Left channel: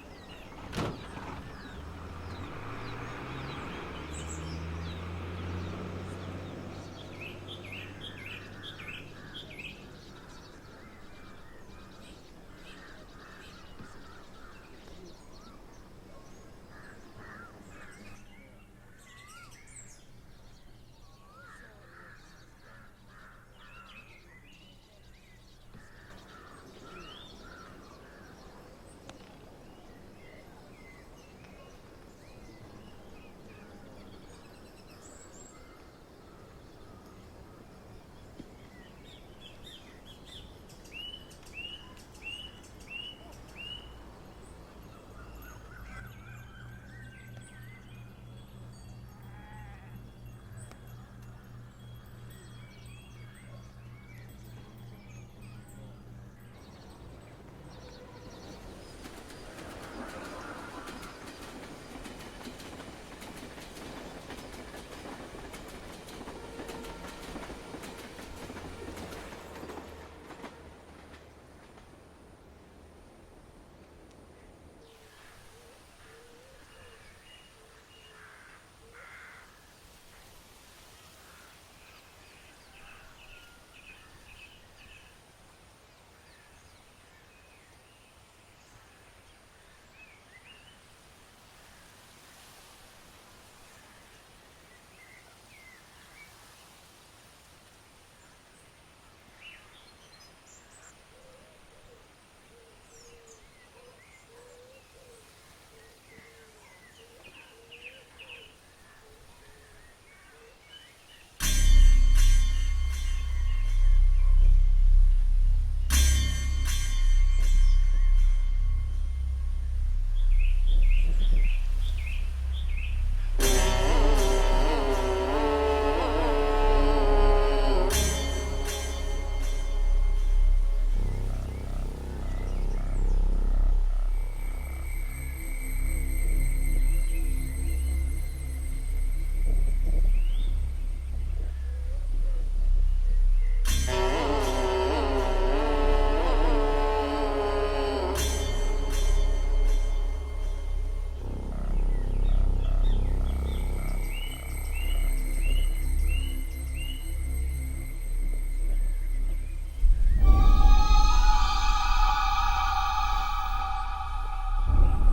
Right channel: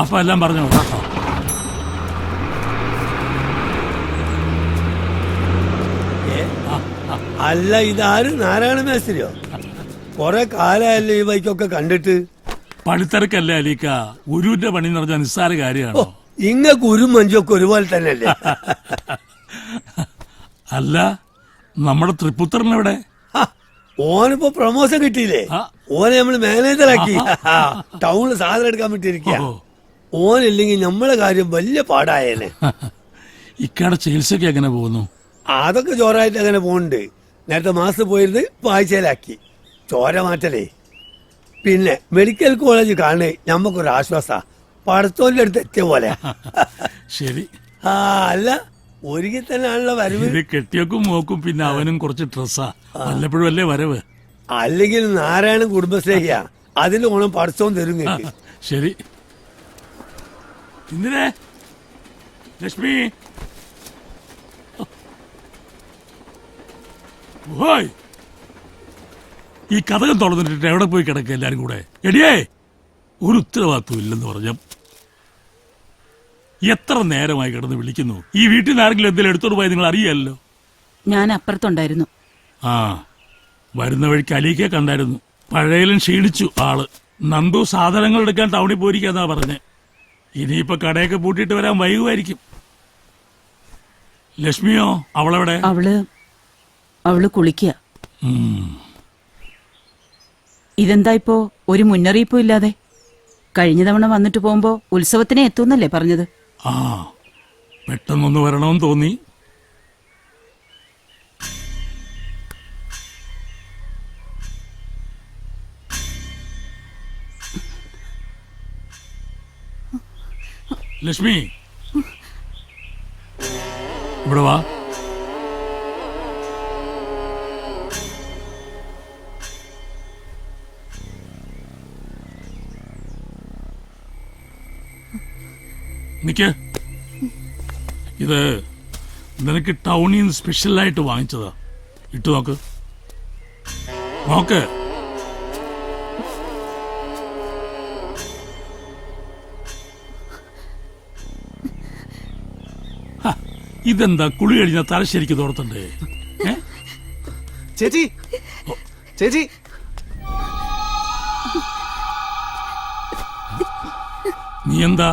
അപ്പൊ എല്ലാം പറഞ്ഞു കേട്ടോ. അല്ല, ഇതാരും നാരായണ മേസ്ത്രിയോ? കൊറേ കാലമല്ലേ ഈ ബൈക്കൊക്കെ കണ്ടിട്ട്. പണിത്തിരക്കല്ലേ അലീക്ക, ഗുരുവിന്റെ പണി എന്ന് പറഞ്ഞാൽ നിസ്സാര കാര്യമാണ്. ഇങ്ങ ഗുരു മഞ്ചൊക്കെ ഒരുപോലെ തന്നെയല്ലേ? അല്ല, നമ്മുടെ തൃപ്പുത്രനെവിടെ? ഓനിപ്പോ പ്രൊമോഷൻ കിട്ടിയില്ലേ? ഓനെ നമ്മള് മാനേജറാക്കി ടൗണിൽ സാധനം എടുക്കാൻ പറ്റിയിരിക്കുക. ഓനില്ലെങ്കിൽ നമ്മളെ കാര്യം വലിയ പാടായേനെ. ഇക്കയുടെ ചികിത്സക്ക് എങ്ങനെ പോകുന്നു? അതൊക്കെ ചോറായിട്ട് അങ്ങനെ പോകുന്നുണ്ട്. നേരത്തെ മാസം പോയിരുന്ന് ആഴ്ചയിലാക്കി. ചോര മാറ്റലേ. പിന്നെ മെഡിക്കൽ കോളേജ് കാണേ ഞമ്മക്കൊരു ആശ്വാസ. പടത്തോന്റെ അടുത്ത് എത്തിയ പോലെ. ശരി. അല്ല, ഒരുക്കി തന്നെയാണല്ലോ വരവ്. കെട്ടിയൊക്കും നോക്കും, പിന്നെ അവനും കുറച്ച് ഡ്രസ്സാ. വല്ലപ്പോഴും അല്ലേ വരവ്. അല്ലെങ്കിൽ നാരായണൻ കുടുംബശ്രീയാ, അതിന്റെ ഓണം പടത്തോൻ തരും. ശരി. എന്തിനെ ലക്ഷ്മി? ഈ കഥകം തുറന്നിട്ട് എവിടെ പോയി കിടക്കുക എല്ലാരും കൂടെ? എടിയേ, ഒരു ഉത്തരവാദിത്വം ഇല്ലെന്ന് പറഞ്ഞ എത്ര നേരമായി കിടന്ന് വിളിക്കുന്നു. ഈ വീട്ടിൽ നിന്ന് ആരെങ്കിലും എന്തെങ്കിലും എടുത്തോണ്ട് പോയി നിങ്ങൾ അറിയാലോ. ഞാൻ അപ്പുറത്തുണ്ടായിരുന്നു. ആ, വരുന്ന വഴിക്ക് അലീക്കെ കണ്ടായിരുന്നു. പഴയലും ക്ഷീണിച്ചു ആള്. നന്ദു സാധനങ്ങൾ എടുക്കാൻ ടൗണിൽ പോയിരിക്കാന്നാ പറഞ്ഞേ. ഇനിയിപ്പൊ കടയൊക്കെ പൂട്ടിയിട്ട് വരാൻ വൈകുമായിരിക്കും. ലക്ഷ്മിയോ? അവളെവിടെ? അവള് കുളിക്കുക. ഇതെന്താ ഇപ്പോ ഒരു മുന്നറിയിപ്പും ഇല്ലാതെ? കഴിഞ്ഞ തവണ വന്നിട്ട് പോകുമ്പോ ഉത്സവത്തിനെ എത്തുന്നല്ലേ പറഞ്ഞത്? ആ, പെട്ടെന്നൊന്ന് വരണമെന്ന് തോന്നി. ലക്ഷ്മി, ഇവിടെ വാ. നിക്ക്. ഇത് നിനക്ക് ടൗണിൽ നിന്ന് സ്പെഷ്യലായിട്ട് വാങ്ങിച്ചതാ. ഇട്ടു നോക്ക്. നോക്ക്. ഇതെന്താ കുളി കഴിഞ്ഞ തലശ്ശേരിക്ക് തോർത്തണ്ടേ? ചേച്ചി, ചേച്ചി, നീ എന്താ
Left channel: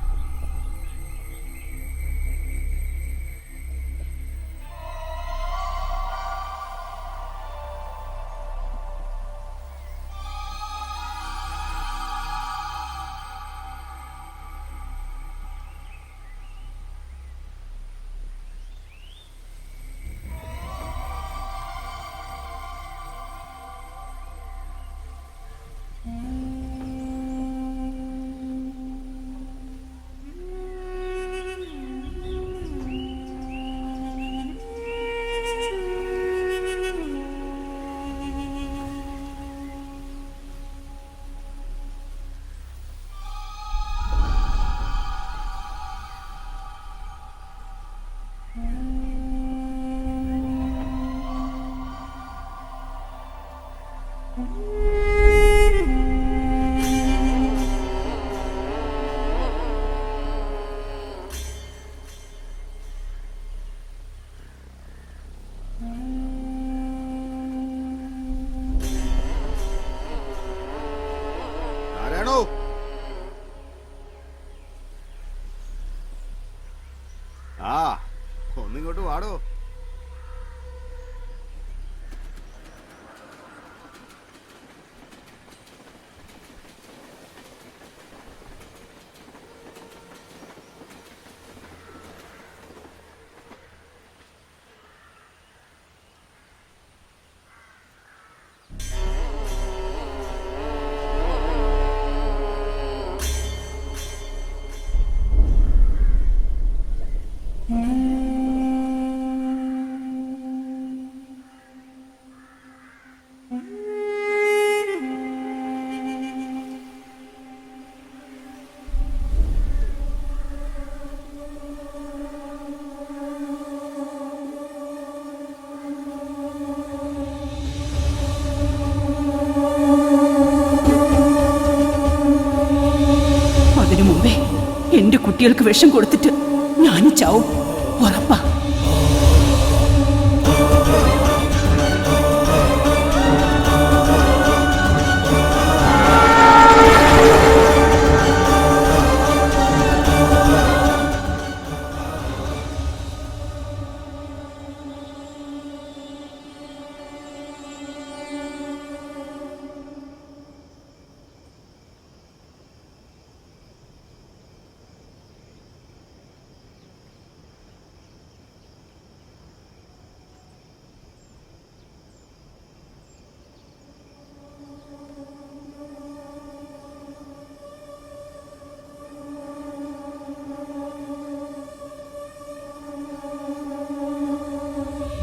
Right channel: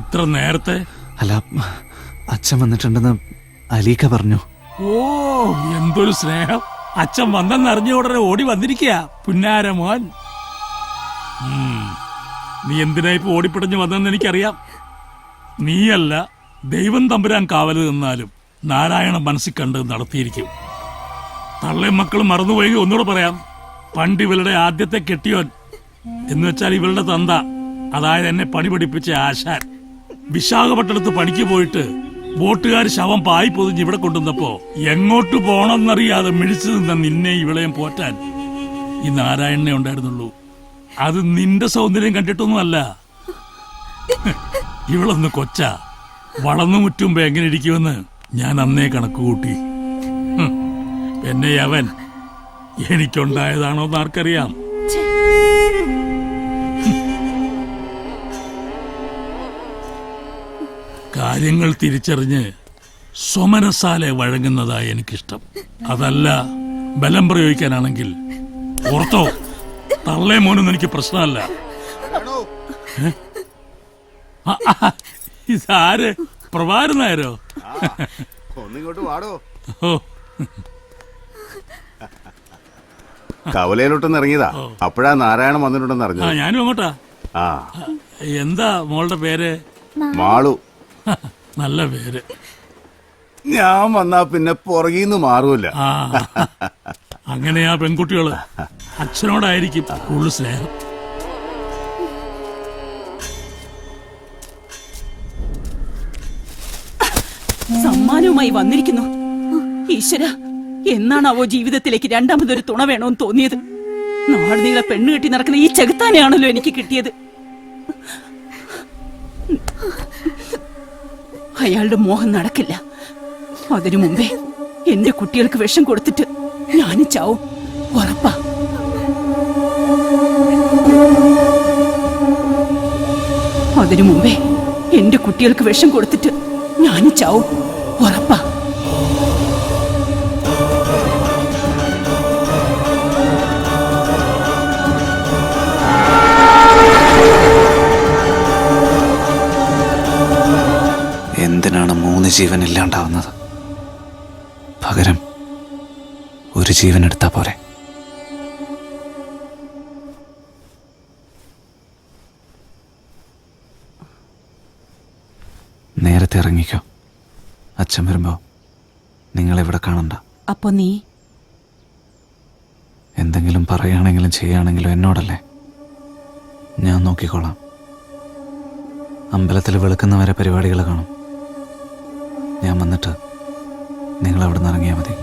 ഇത്ര നേരത്തെ? അല്ല, അച്ഛൻ വന്നിട്ടുണ്ടെന്ന് അലീക്ക പറഞ്ഞു. ഓ, എന്തൊരു സ്നേഹം! അച്ഛൻ വന്നെന്നറിഞ്ഞ ഉടനെ ഓടി വന്നിരിക്കുക പുന്നാര മോൻ. നീ എന്തിനാ ഇപ്പൊ ഓടിപ്പിടഞ്ഞു വന്നെന്ന് എനിക്കറിയാം. നീയല്ല, ദൈവം തമ്പുരാൻ കാവല് നിന്നാലും നാരായണ മനസ്സിൽ കണ്ട് നടത്തിയിരിക്കും. തള്ളയും മക്കളും മറന്നുപോയി. ഒന്നുകൂടെ പറയാം, പണ്ട് ഇവളുടെ ആദ്യത്തെ കെട്ടിയോൻ എന്ന് വെച്ചാൽ ഇവളുടെ തന്ത, അതായത് എന്നെ പണി പഠിപ്പിച്ച ആശാൻ, വിശാഖപട്ടണത്ത് പണിക്ക് പോയിട്ട് ബോട്ടുകാർ ശവം പായി പൊതിഞ്ഞ് ഇവിടെ കൊണ്ടുവന്നപ്പോ എങ്ങോട്ട് പോണമെന്നറിയാതെ മിഴിച്ചു നിന്ന നിന്നെ ഇവളെയും പോറ്റാൻ ഈ നാരായണനെ ഉണ്ടായിരുന്നുള്ളൂ. അത് നിന്റെ സൗന്ദര്യം കണ്ടിട്ടൊന്നും അല്ല. ഇവളൊന്ന് കൊച്ചാ, വളർന്നു മുറ്റുമ്പോ എങ്ങനെ ഇരിക്കുമെന്ന് ഞാൻ അന്നേ കണക്ക് കൂട്ടി. എന്നെ അവൻ എനിക്കുണ്ടായതാണോ എന്ന് ആർക്കറിയാം. കാര്യങ്ങൾ തിരിച്ചറിഞ്ഞ് സ്വമനസാലെ വഴങ്ങുന്നതായി എനിക്കിഷ്ടം. അതല്ല ബലം പ്രയോഗിക്കാനാണെങ്കിൽ ഓർത്തോ, തള്ളേ മോനൊന്നും എനിക്ക് പ്രശ്നമല്ല. ഇതാര്? പ്രഭാകരൻ നായരോ? ഒന്നിങ്ങോട്ട് വാടോ. ഓ, കവലയിലോട്ടൊന്ന് ഇറങ്ങിയതാ, അപ്പോഴാ നാരായണൻ വന്നിട്ടുണ്ടെന്ന് അറിഞ്ഞു. ഞാനും അങ്ങോട്ടാ. ആ, എന്താ മോളുടെ പേര്? മാളു. നല്ല പേര്. ഞാൻ വന്നാ പിന്നെ പുറകീന്ന് മാറൂല. ആ, അങ്ങനെയാ പെൺകുട്ടികള്. അച്ഛനോടായിരിക്കും കൂടുതൽ സ്നേഹം. സമ്മാനവുമായി വന്നിരിക്കുന്നു. ഈശ്വര, എന്നാണാവോ ജീവിതത്തിലേക്ക് രണ്ടാമതൊരു തുണ വേണമെന്ന് തോന്നിയത്? നാളെ നീളെ പെണ്ണ് കെട്ടി നടക്കുന്ന ഈ ചെകുത്താനെയാണല്ലോ എനിക്ക് കിട്ടിയത്. അയാളുടെ മോഹം നടക്കില്ല. അതിനു മുമ്പേ എന്റെ കുട്ടികൾക്ക് വിഷം കൊടുത്തിട്ട് ഞാനും ചാവും, ഉറപ്പാ. അതിനു മുമ്പേ എന്റെ കുട്ടികൾക്ക് വിഷം കൊടുത്തിട്ട് ഞാനും ചാവും, ഉറപ്പാ. എന്തിനാണ് 3 ജീവൻ ഇല്ലാണ്ടാവുന്നത്? പകരം ഒരു ജീവൻ എടുത്താ പോരെ? നേരത്തെ ഇറങ്ങിക്കോ. അച്ഛൻ വരുമ്പോ നിങ്ങളിവിടെ കാണണ്ട. അപ്പൊ നീ എന്തെങ്കിലും പറയുകയാണെങ്കിലും ചെയ്യുകയാണെങ്കിലും എന്നോടല്ലേ, ഞാൻ നോക്കിക്കോളാം. അമ്പലത്തിൽ വെളുക്കുന്നവരെ പരിപാടികൾ കാണും. ഞാൻ വന്നിട്ട് നിങ്ങൾ അവിടെ നിന്ന് ഇറങ്ങിയാൽ മതി.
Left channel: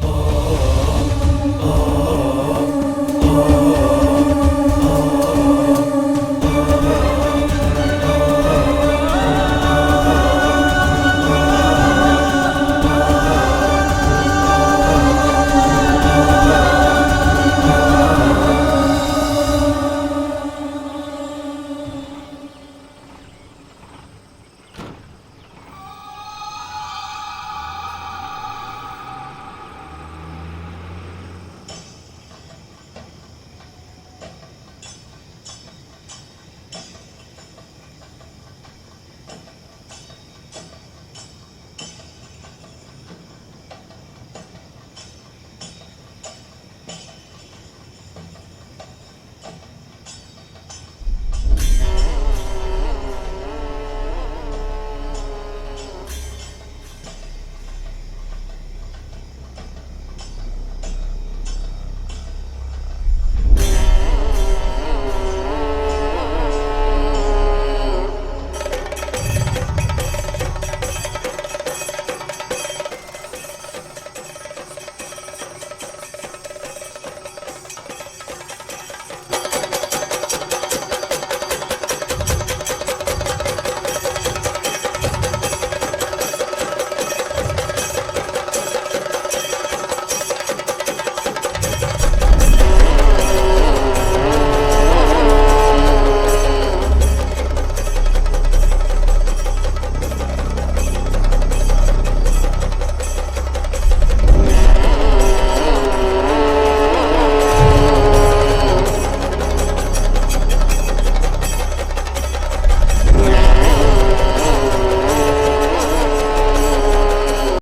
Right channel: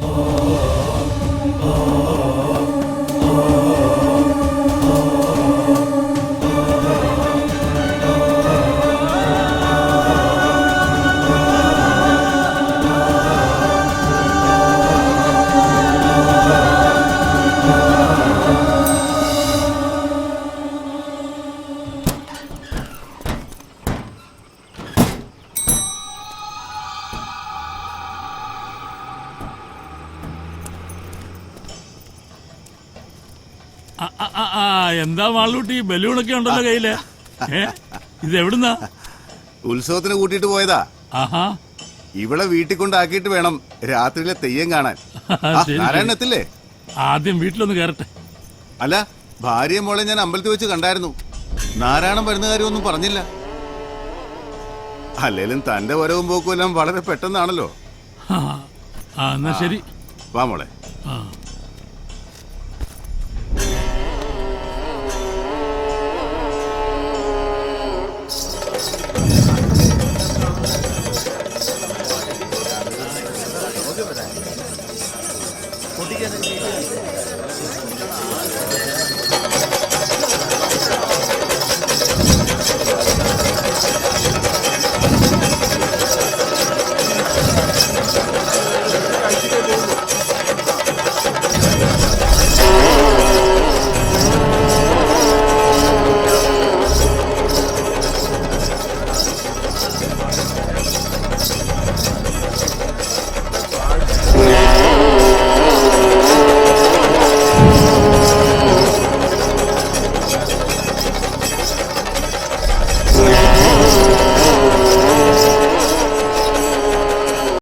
എന്താ മാളൂട്ടി, ബലൂണൊക്കെ ഉണ്ടല്ലോ കയ്യില്. ഇത് എവിടുന്നാ? ഉത്സവത്തിന് കൂട്ടിയിട്ട് പോയതാ. ആഹാ, ഇവിടെ വീട്ടിൽ കൊണ്ടാക്കിയിട്ട് വേണം രാത്രിയിലെ തെയ്യം കാണാൻ. ശരി, നാരായണൻ എത്തില്ലേ? ആദ്യം വീട്ടിലൊന്ന് കയറട്ടെ. അല്ല, ഭാര്യ മോളെ ഞാൻ അമ്പലത്തിൽ വെച്ച് കണ്ടായിരുന്നു. നാരായണൻ വരുന്ന കാര്യമൊന്നും പറഞ്ഞില്ല. അല്ലേലും തന്റെ വരവും പോക്കും എല്ലാം വളരെ പെട്ടെന്നാണല്ലോ. എന്നാ ശരി. വാ മോളെ. ആ